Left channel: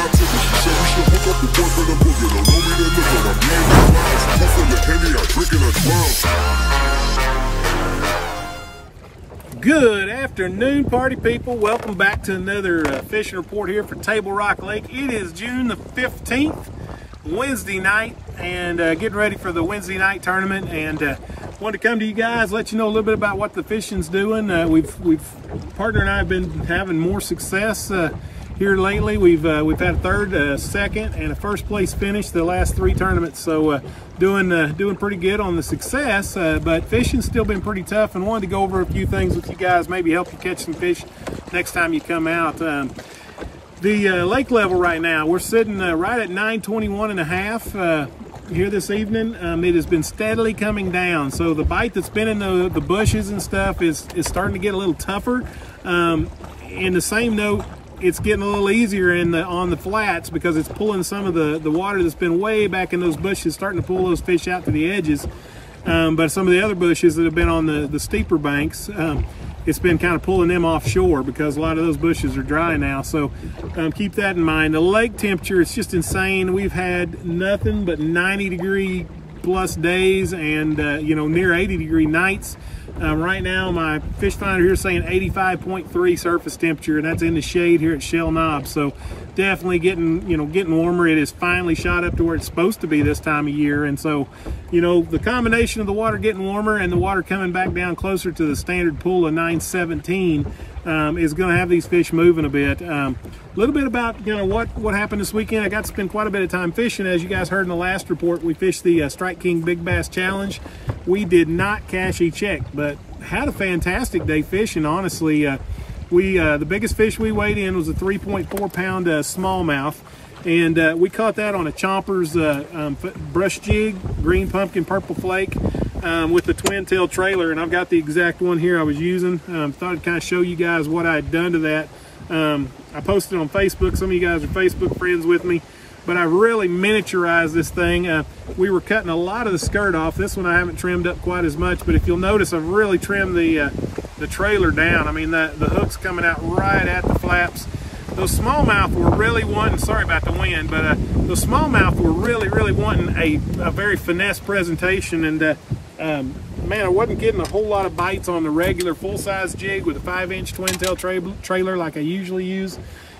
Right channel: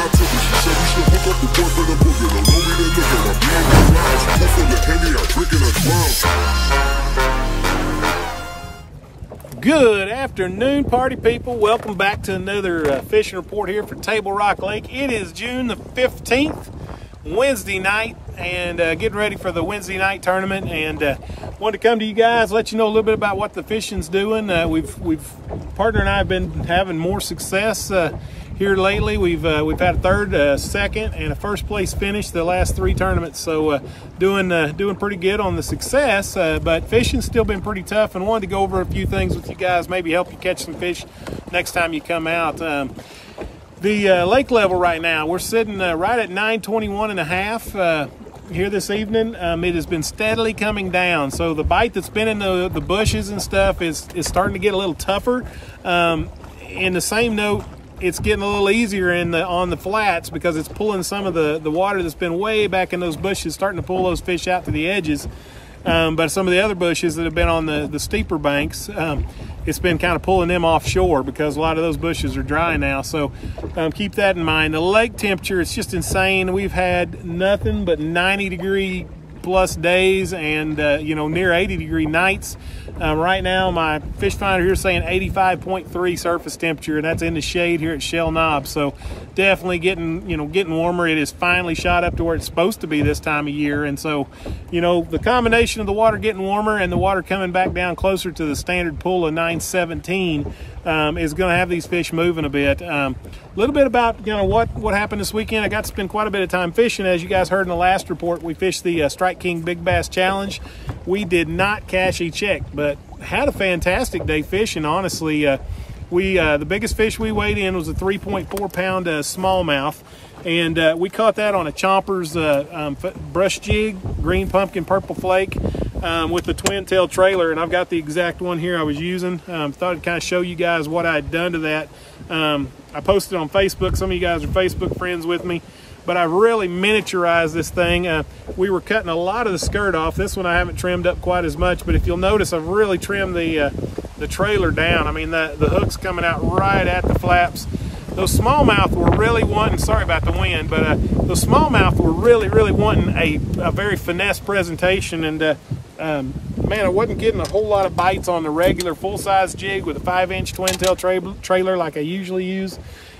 I took her. She said we should hook up the boyfriend and booger. Don't know me, then look her. I'm being the clouds. Pool full of Henny, I drink and I drown. Good afternoon, party people. Welcome back to another fishing report here for Table Rock Lake. It is June the 15th, Wednesday night, and getting ready for the Wednesday night tournament. And wanted to come to you guys, let you know a little bit about what the fishing's doing. Partner and I have been having more success here lately. We've had a third, second, and a first place finish the last 3 tournaments. So doing pretty good on the success, but fishing's still been pretty tough, and wanted to go over a few things with you guys, maybe help you catch some fish next time you come out. The lake level right now, we're sitting right at 921 and a half here this evening. It has been steadily coming down, so the bite that's been in the bushes and stuff is starting to get a little tougher. In the same note, it's getting a little easier on the flats because it's pulling some of the water that's been way back in those bushes, starting to pull those fish out to the edges. But some of the other bushes that have been on the steeper banks, it's been kind of pulling them offshore because a lot of those bushes are dry now. So keep that in mind. The lake temperature, it's just insane. We've had nothing but 90-degree plus days and near 80-degree nights. Right now, my fish finder here is saying 85.3 surface temperature, and that's in the shade here at Shell Knob. So definitely getting warmer. It is finally shot up to where it's supposed to be this time of year. And so, the combination of the water getting warmer and the water coming back down closer to the standard pool of 917 is going to have these fish moving a bit. A little bit about what happened this weekend. I got to spend quite a bit of time fishing. As you guys heard in the last report, we fished the Strike King Big Bass Challenge. We did not cash a check, but had a fantastic day fishing. Honestly, the biggest fish we weighed in was a 3.4 pound smallmouth, and we caught that on a Chompers brush jig, green pumpkin, purple flake, with the twin tail trailer. And I've got the exact one here I was using. Thought I'd kind of show you guys what I had done to that. I posted on Facebook. Some of you guys are Facebook friends with me, but I really miniaturized this thing. We were cutting a lot of the skirt off. This one I haven't trimmed up quite as much, but if you'll notice, I've really trimmed the trailer down. I mean, the hook's coming out right at the flaps. Those smallmouth were really wanting, sorry about the wind, but those smallmouth were really wanting a very finesse presentation. And man, I wasn't getting a whole lot of bites on the regular full-size jig with a 5-inch twin tail trailer like I usually use.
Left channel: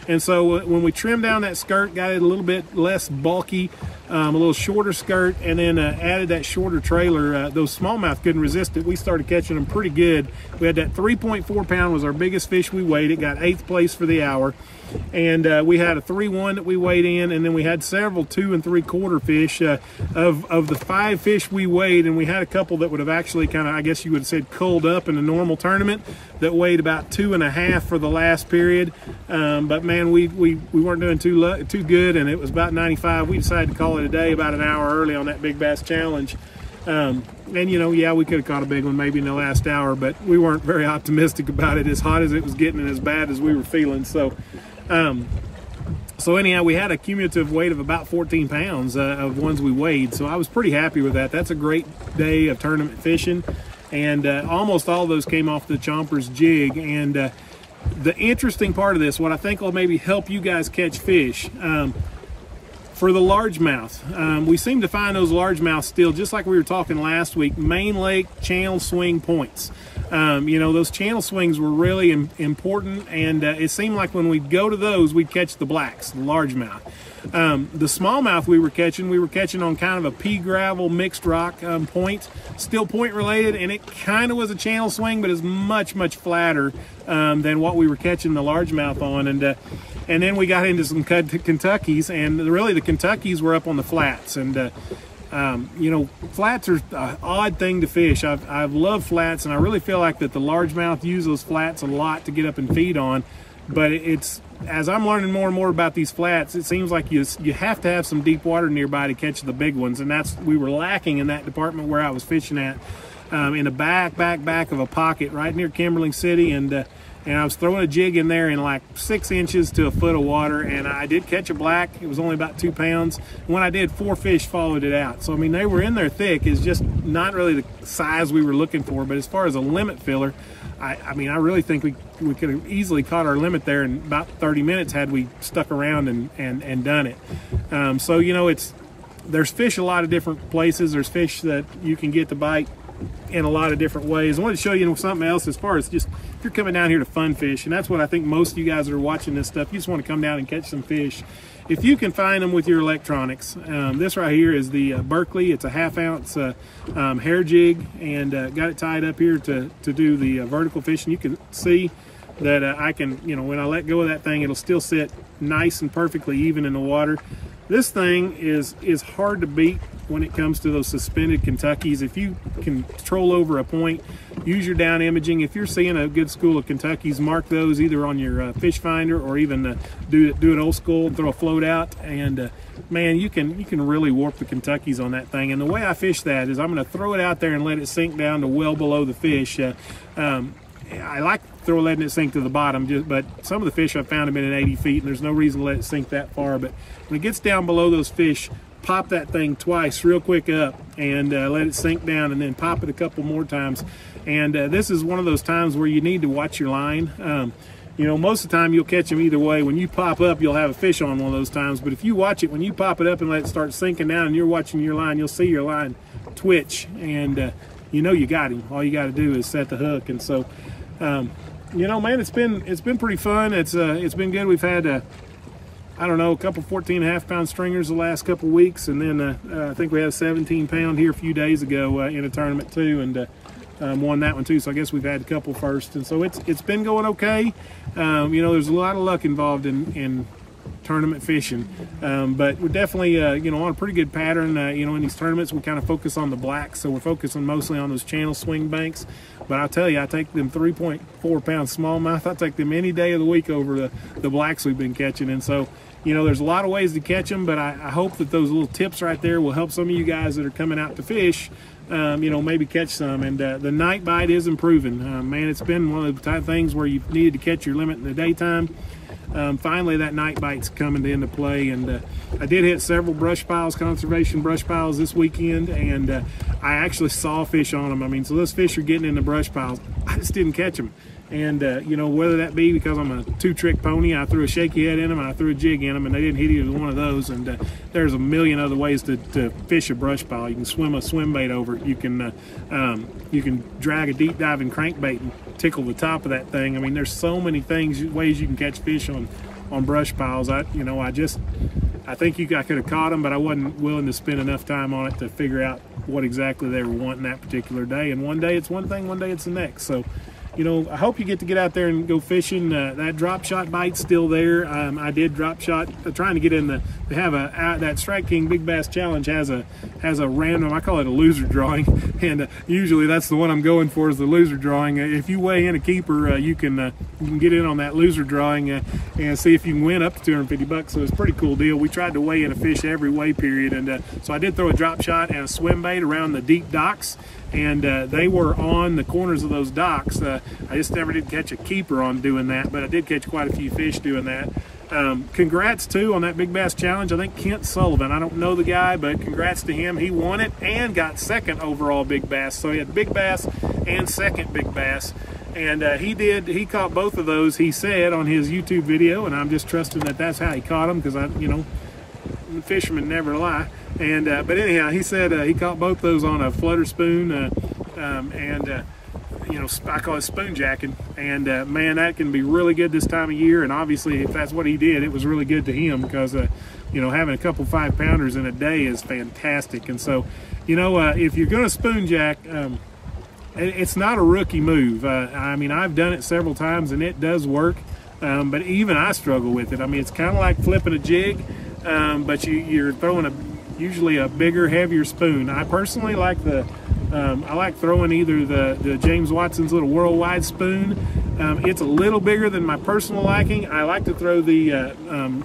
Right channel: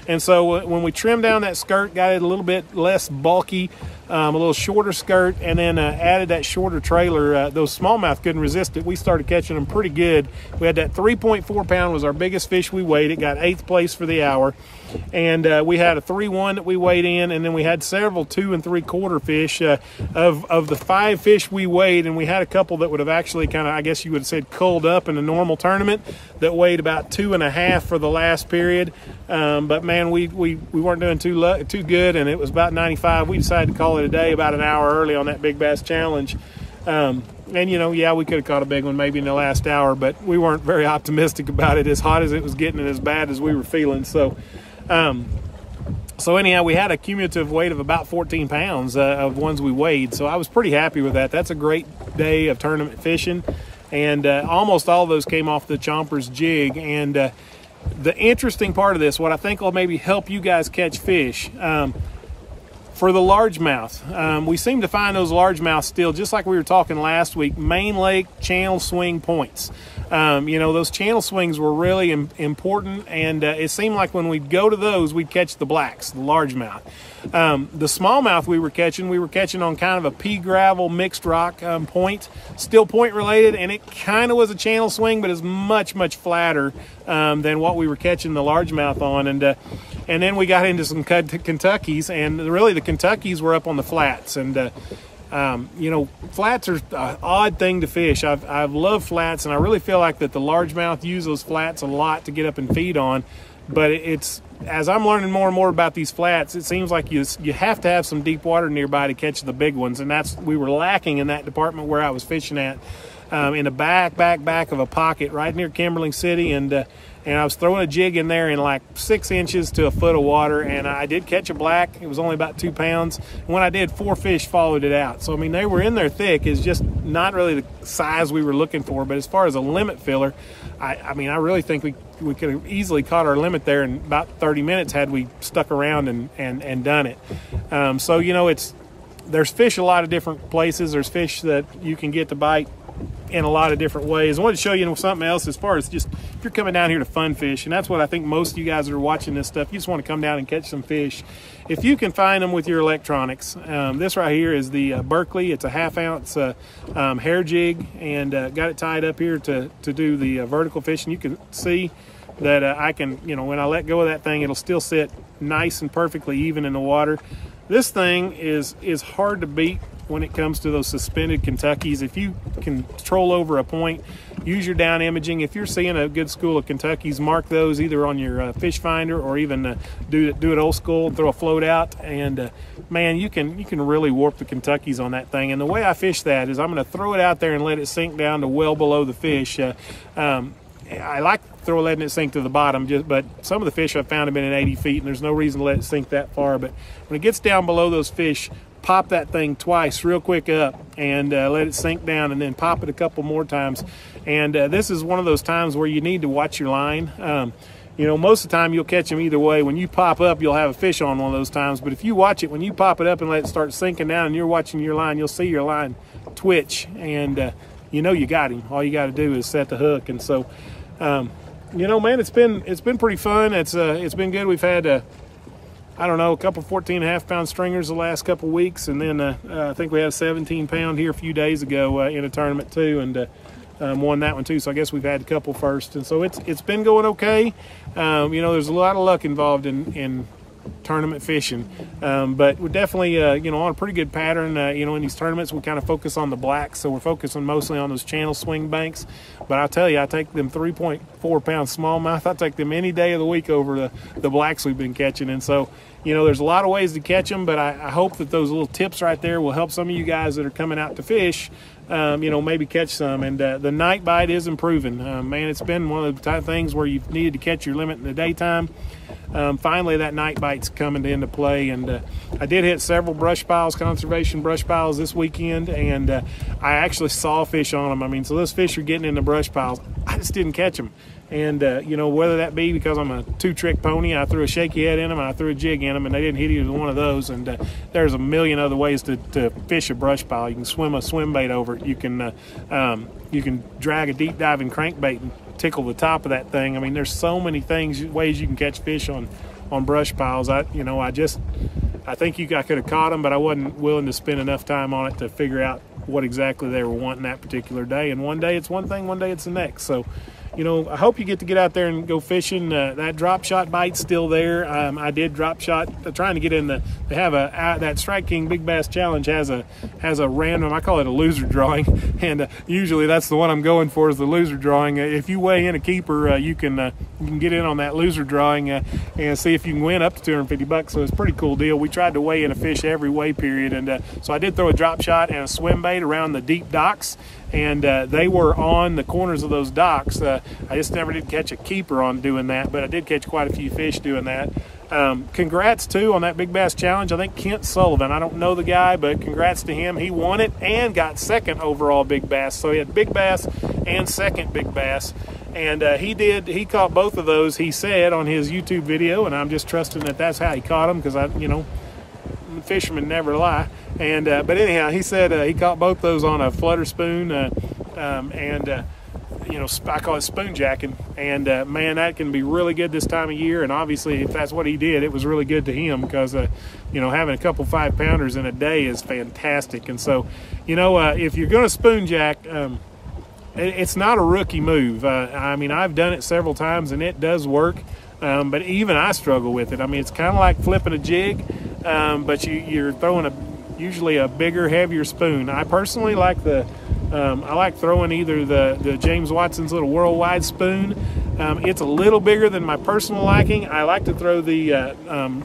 And so when we trimmed down that skirt, got it a little bit less bulky, a little shorter skirt, and then added that shorter trailer, those smallmouth couldn't resist it. We started catching them pretty good. We had that 3.4 pound was our biggest fish we weighed. It got 8th place for the hour. And we had a 3-1 that we weighed in, and then we had several 2 3/4 fish. Of the 5 fish we weighed, and we had a couple that would have actually kind of, I guess you would have said, culled up in a normal tournament, that weighed about 2.5 for the last period. But man, we weren't doing too good, and it was about 95. We decided to call it a day about an hour early on that Big Bass Challenge. And yeah, we could have caught a big one maybe in the last hour, but we weren't very optimistic about it, as hot as it was getting and as bad as we were feeling. So anyhow, we had a cumulative weight of about 14 pounds of ones we weighed. So I was pretty happy with that. That's a great day of tournament fishing. And almost all of those came off the Chompers jig. And the interesting part of this, what I think will maybe help you guys catch fish, for the largemouth, we seem to find those largemouth still, just like we were talking last week, main lake channel swing points. Those channel swings were really important, and it seemed like when we'd go to those, we'd catch the blacks, the largemouth. The smallmouth we were catching on kind of a pea gravel mixed rock point, still point related, and it kind of was a channel swing, but is much flatter than what we were catching the largemouth on. And then we got into some Kentuckies, and really the Kentuckies were up on the flats. And flats are an odd thing to fish. I've loved flats, and I really feel like that the largemouth use those flats a lot to get up and feed on. But it's, as I'm learning more and more about these flats, it seems like you have to have some deep water nearby to catch the big ones, and we were lacking in that department where I was fishing at, in the back of a pocket right near Kimberling City, and and I was throwing a jig in there in like 6 inches to a foot of water, and I did catch a black. It was only about 2 pounds. And when I did, 4 fish followed it out. So I mean, they were in there thick. It's just not really the size we were looking for. But as far as a limit filler, I mean, I really think we could have easily caught our limit there in about 30 minutes had we stuck around and done it. So you know, there's fish a lot of different places. There's fish that you can get to bite in a lot of different ways. I wanted to show you something else as far as just if you're coming down here to fun fish, and that's what I think most of you guys that are watching this stuff, you just want to come down and catch some fish. If you can find them with your electronics, this right here is the Berkley. It's a 1/2 ounce hair jig, and got it tied up here to do the vertical fishing. You can see that I can, you know, when I let go of that thing, it'll still sit nice and perfectly even in the water. This thing is hard to beat when it comes to those suspended Kentuckys. If you can troll over a point, use your down imaging. If you're seeing a good school of Kentuckys, mark those either on your fish finder or even do it old school and throw a float out. And man, you can really warp the Kentuckys on that thing. And the way I fish that is I'm going to throw it out there and let it sink down to well below the fish. I like letting it sink to the bottom, but some of the fish I've found have been at 80 feet, and there's no reason to let it sink that far. But when it gets down below those fish, pop that thing twice real quick up and let it sink down, and then pop it a couple more times. And this is one of those times where you need to watch your line. You know, most of the time you'll catch them either way. When you pop up, you'll have a fish on one of those times. But if you watch it, when you pop it up and let it start sinking down and you're watching your line, you'll see your line twitch, and you know you got him. All you got to do is set the hook. And so, you know, man, it's been pretty fun. It's been good. We've had I don't know, a couple 14.5 pound stringers the last couple weeks, and then I think we had a 17 pound here a few days ago in a tournament too, and won that one too. So I guess we've had a couple first, and so it's been going okay. You know, there's a lot of luck involved in tournament fishing, but we're definitely you know, on a pretty good pattern. You know, in these tournaments we kind of focus on the blacks, so we're focusing mostly on those channel swing banks. But I'll tell you, I take them 3.4 pound smallmouth. I take them any day of the week over the blacks we've been catching. And so, you know, there's a lot of ways to catch them, but I hope that those little tips right there will help some of you guys that are coming out to fish, you know, maybe catch some. And the night bite is improving. Man, it's been one of the type of things where you've needed to catch your limit in the daytime. Finally, that night bite's coming into play, and I did hit several brush piles, conservation brush piles this weekend, and I actually saw fish on them. I mean, so those fish are getting in the brush piles. I just didn't catch them. And, you know, whether that be because I'm a 2-trick pony, I threw a shaky head in them, I threw a jig in them, and they didn't hit either one of those. And there's a million other ways to fish a brush pile. You can swim a swim bait over it. You can drag a deep diving crankbait and tickle the top of that thing. I mean, there's so many ways you can catch fish on brush piles. I think I could have caught them, but I wasn't willing to spend enough time on it to figure out what exactly they were wanting that particular day. And one day it's one thing, one day it's the next. So, you know, I hope you get to get out there and go fishing. That drop shot bite's still there. I did drop shot, trying to get in to have that Strike King Big Bass Challenge has a random, I call it a loser drawing, and usually that's the one I'm going for, is the loser drawing. If you weigh in a keeper, you can get in on that loser drawing and see if you can win up to 250 bucks. So it's a pretty cool deal. We tried to weigh in a fish every weigh period, and so I did throw a drop shot and a swim bait around the deep docks, and they were on the corners of those docks. I just never did catch a keeper on doing that, but I did catch quite a few fish doing that. Congrats too on that Big Bass Challenge. I think Kent Sullivan, I don't know the guy, but congrats to him. He won it and got second overall Big Bass. So he had Big Bass and second Big Bass. And he caught both of those, he said, on his YouTube video, and I'm just trusting that that's how he caught them, because you know, fishermen never lie. And but anyhow, he said he caught both those on a flutter spoon, you know, I call it spoon jacking. And man, that can be really good this time of year. And obviously, if that's what he did, it was really good to him, because you know, having a couple 5-pounders in a day is fantastic. And so, you know, if you're going to spoon jack, it's not a rookie move. I mean, I've done it several times and it does work, but even I struggle with it. I mean, it's kind of like flipping a jig, but you're throwing usually a bigger, heavier spoon. I personally like I like throwing either the James Watson's little worldwide spoon. It's a little bigger than my personal liking. I like to throw the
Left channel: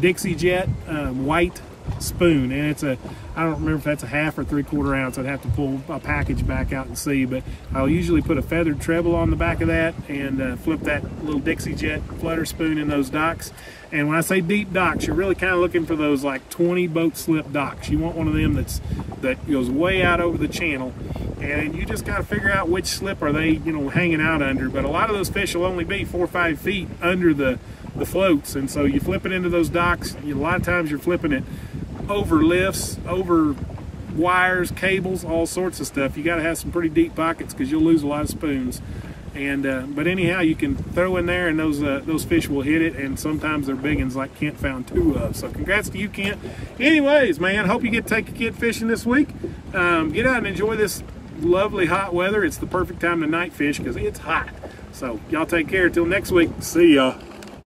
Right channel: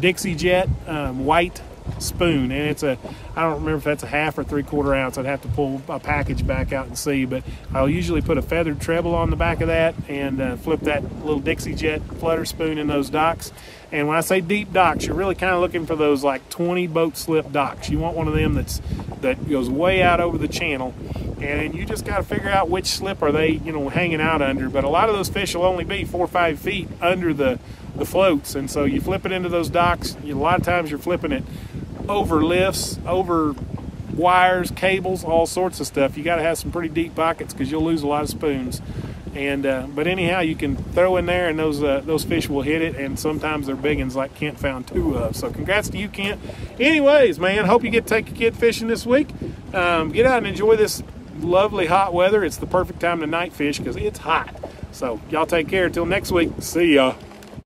Dixie Jet white spoon, and it's a, I don't remember if that's a 1/2 or 3/4 ounce. I'd have to pull a package back out and see, but I'll usually put a feathered treble on the back of that and flip that little Dixie Jet flutter spoon in those docks. And when I say deep docks, you're really kind of looking for those like 20 boat slip docks. You want one of them that goes way out over the channel, and you just got to figure out which slip are they, you know, hanging out under. But a lot of those fish will only be 4 or 5 feet under the floats, and so you flip it into those docks. You know, a lot of times you're flipping it over lifts, over wires, cables, all sorts of stuff. You got to have some pretty deep pockets because you'll lose a lot of spoons. And but anyhow, you can throw in there, and those fish will hit it, and sometimes they're big ones like Kent found 2 of. So congrats to you, Kent. Anyways, man, hope you get to take your kid fishing this week. Get out and enjoy this lovely hot weather. It's the perfect time to night fish because it's hot. So y'all take care. Till next week. See ya.